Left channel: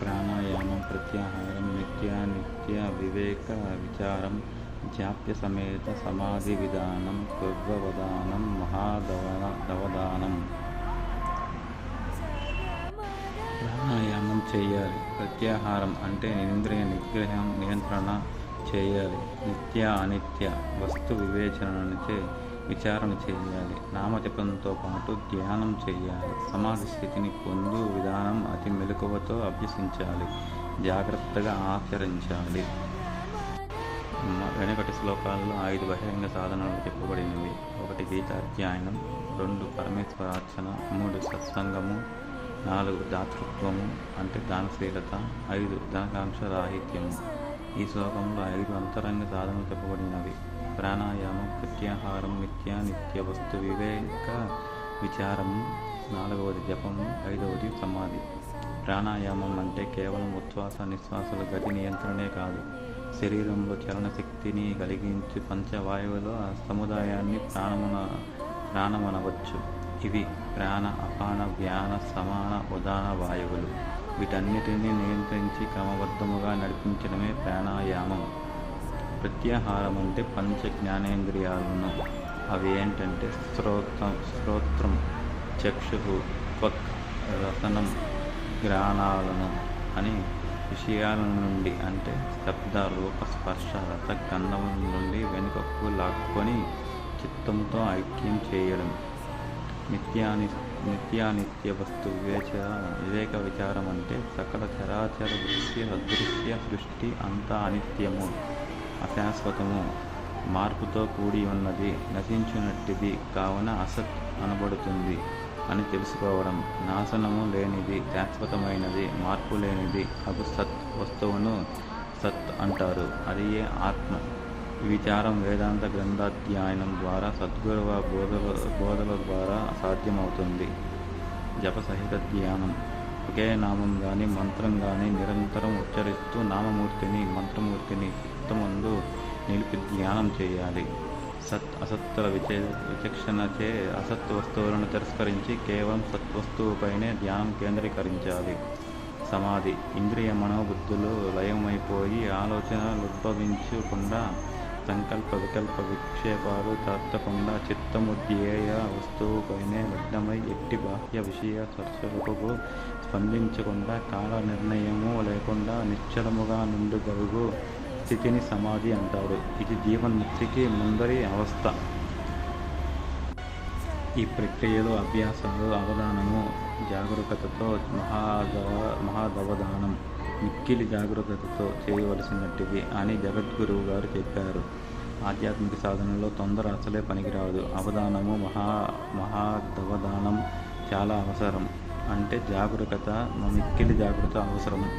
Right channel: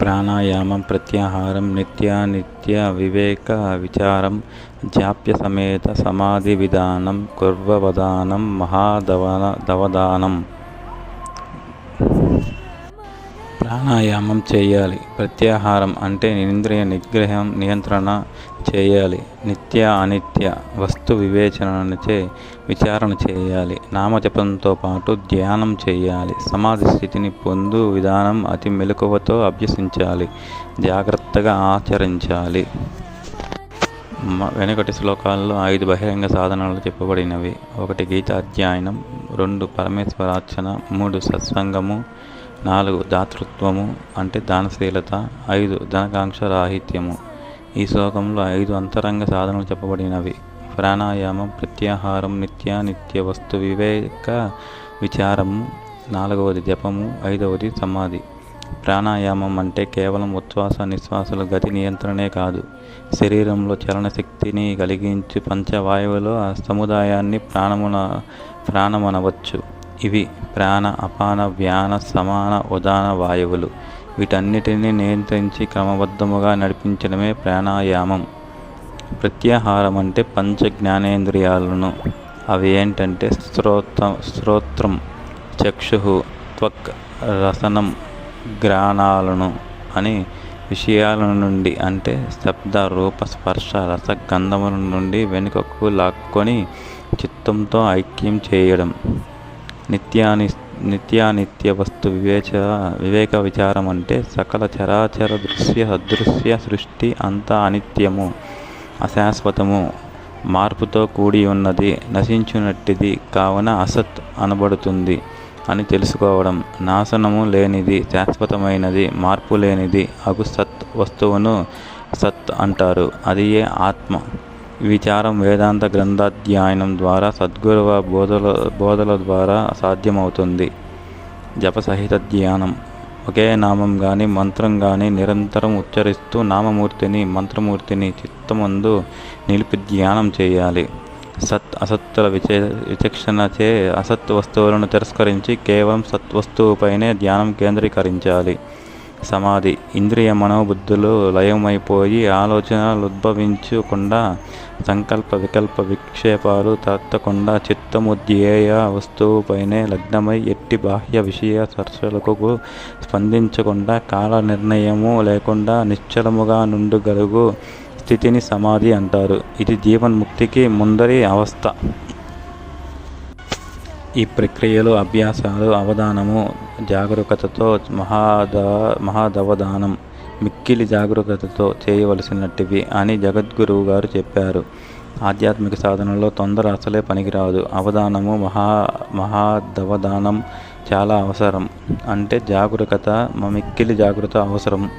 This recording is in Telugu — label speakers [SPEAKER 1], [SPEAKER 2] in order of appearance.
[SPEAKER 1] ప్రాణాయామం ప్రత్యాహారం నిత్యానిత్య వివేక విచారం జాప్య సమేత సమాధి విధానం కుర్వవదానం మహాదవన దవదానం ప్రాణాయామం చేయాలి. ప్రత్యాహారం అంటే ఇంద్రియ నిగ్రహం నియంత్రణ చేయాలి. నిత్య అనిత్య వస్తు వివేచనచే విచారణ చేయాలి. నామజపంతో పాటు ధ్యానం చేయాలి. సమాధి స్థితిని పొందు విధానం అతి మెలకువతో అభ్యసించాలి. జాగ్రత్తగా ఆచరించాలి. వెనుకటి శ్లోకాల్లో ఐదు బహిరంగ సాధనలు చెప్పబడినవి. ఒకటి గీతాధ్యాయనం రెండు పరమేశ్వరార్చన మూడు సత్సంగము నాలుగు దాతృత్వము అంటే దానశీలత ఐదు ధనకాంక్ష రాహిత్యము ఈ శ్లోకంలో ఐదు అంతరంగ సాధనలు చెప్పబడినవి. ప్రాణాయామం ప్రత్యాహారం నిత్యానిత్య వస్తు వివేక విచారము నాలుగవది జపము ఐదవది సమాధి. ప్రాణాయామం అంటే కేవలం ఉచ్ఛ్వాస నిశ్వాసల గతి నియంత్రణే కాదు. శరీరంలో చలనశక్తిని కలిగించి పంచవాయువులో ఆ సముదాయాన్ని ప్రాణమున ప్రాణమనవచ్చు. ఇవి ప్రాణ అపాన వ్యాన సమాన ఉదాన వాయువులు. వీటన్నిటిని నియంత్రించి క్రమబద్ధముగా నడిపించడమే ప్రాణాయామం. ప్రత్యాహారం అంటే పంచ జ్ఞానేంద్రియాలను అవి ఏంటంటే శ్రోత శ్రోత్రం చక్షు త్వక్ రసనం గ్రాణాలను అని విషయాల నుండి అంటే శబ్ద రూప స్పర్శ రస గంధముల నుండి వెనుకకు లాక్కొని చిత్తంతో ఐక్యం చేయడం. నిత్యాని నిత్యానిత్య వస్తు వివేచ వివేక విచారం అంటే సకల చరాచర దృశ్య అదృశ్య సృష్టి అంతా అనిత్యము అశాశ్వతము. మార్పుతో కూడి ఉన్నది నశించునట్టిది కావున అసత్ అనబడుతుంది అని తెలుసుకోవడం. నాశనము లేనిది శాశ్వతమైనది మార్పు లేనిది అగు సత్ వస్తువును సత్ అంటారు. అది ఏ ఆత్మ. విచారం వేదాంత గ్రంథాధ్యయనం ద్వారా సద్గురువ బోధల బోధల ద్వారా సాధ్యమవుతుంది. జపసహిత ధ్యానం ఒకే నామం కానీ మంత్రం కానీ నిరంతరం ఉచ్చరిస్తూ నామమూర్తిని మంత్రమూర్తిని చిత్తమందు నిలిపి ధ్యానం చేయాలి. సత్ అసత్తుల విచే విచక్షణచే అసత్ వస్తువులను తిరస్కరించి కేవలం సత్వస్తువుపైనే ధ్యానం కేంద్రీకరించాలి. సమాధి. ఇంద్రియ మనోబుద్ధులు లయమైపోయి ఆలోచనలు ఉద్భవించకుండా సంకల్ప వికల్ప విక్షేపాలు తత్తకుండా చిత్తము ధ్యేయ వస్తువుపైనే లగ్నమై ఎట్టి బాహ్య విషయ చర్చలకు స్పందించకుండా కాల నిర్ణయము లేకుండా నిశ్చలముగా నుండుగలుగు స్థితిని సమాధి అంటారు. ఇది జీవన్ముక్తికి ముందరి అవస్థ. ఈ ప్రక్రియలు అభ్యాసాలు అవధానము జాగరూకతతో మహాద మహాదవధానం మిక్కిలి జాగరూకతతో చేయవలసినట్టివి అని జగద్గురువు గారు చెప్పారు. ఆధ్యాత్మిక సాధనలో తొందర అసలే పనికిరాదు. అవధానము మహా మహాదవధానం చాలా అవసరం. అంటే జాగరూకత మ- మిక్కిలి జాగ్రత్త అవసరం.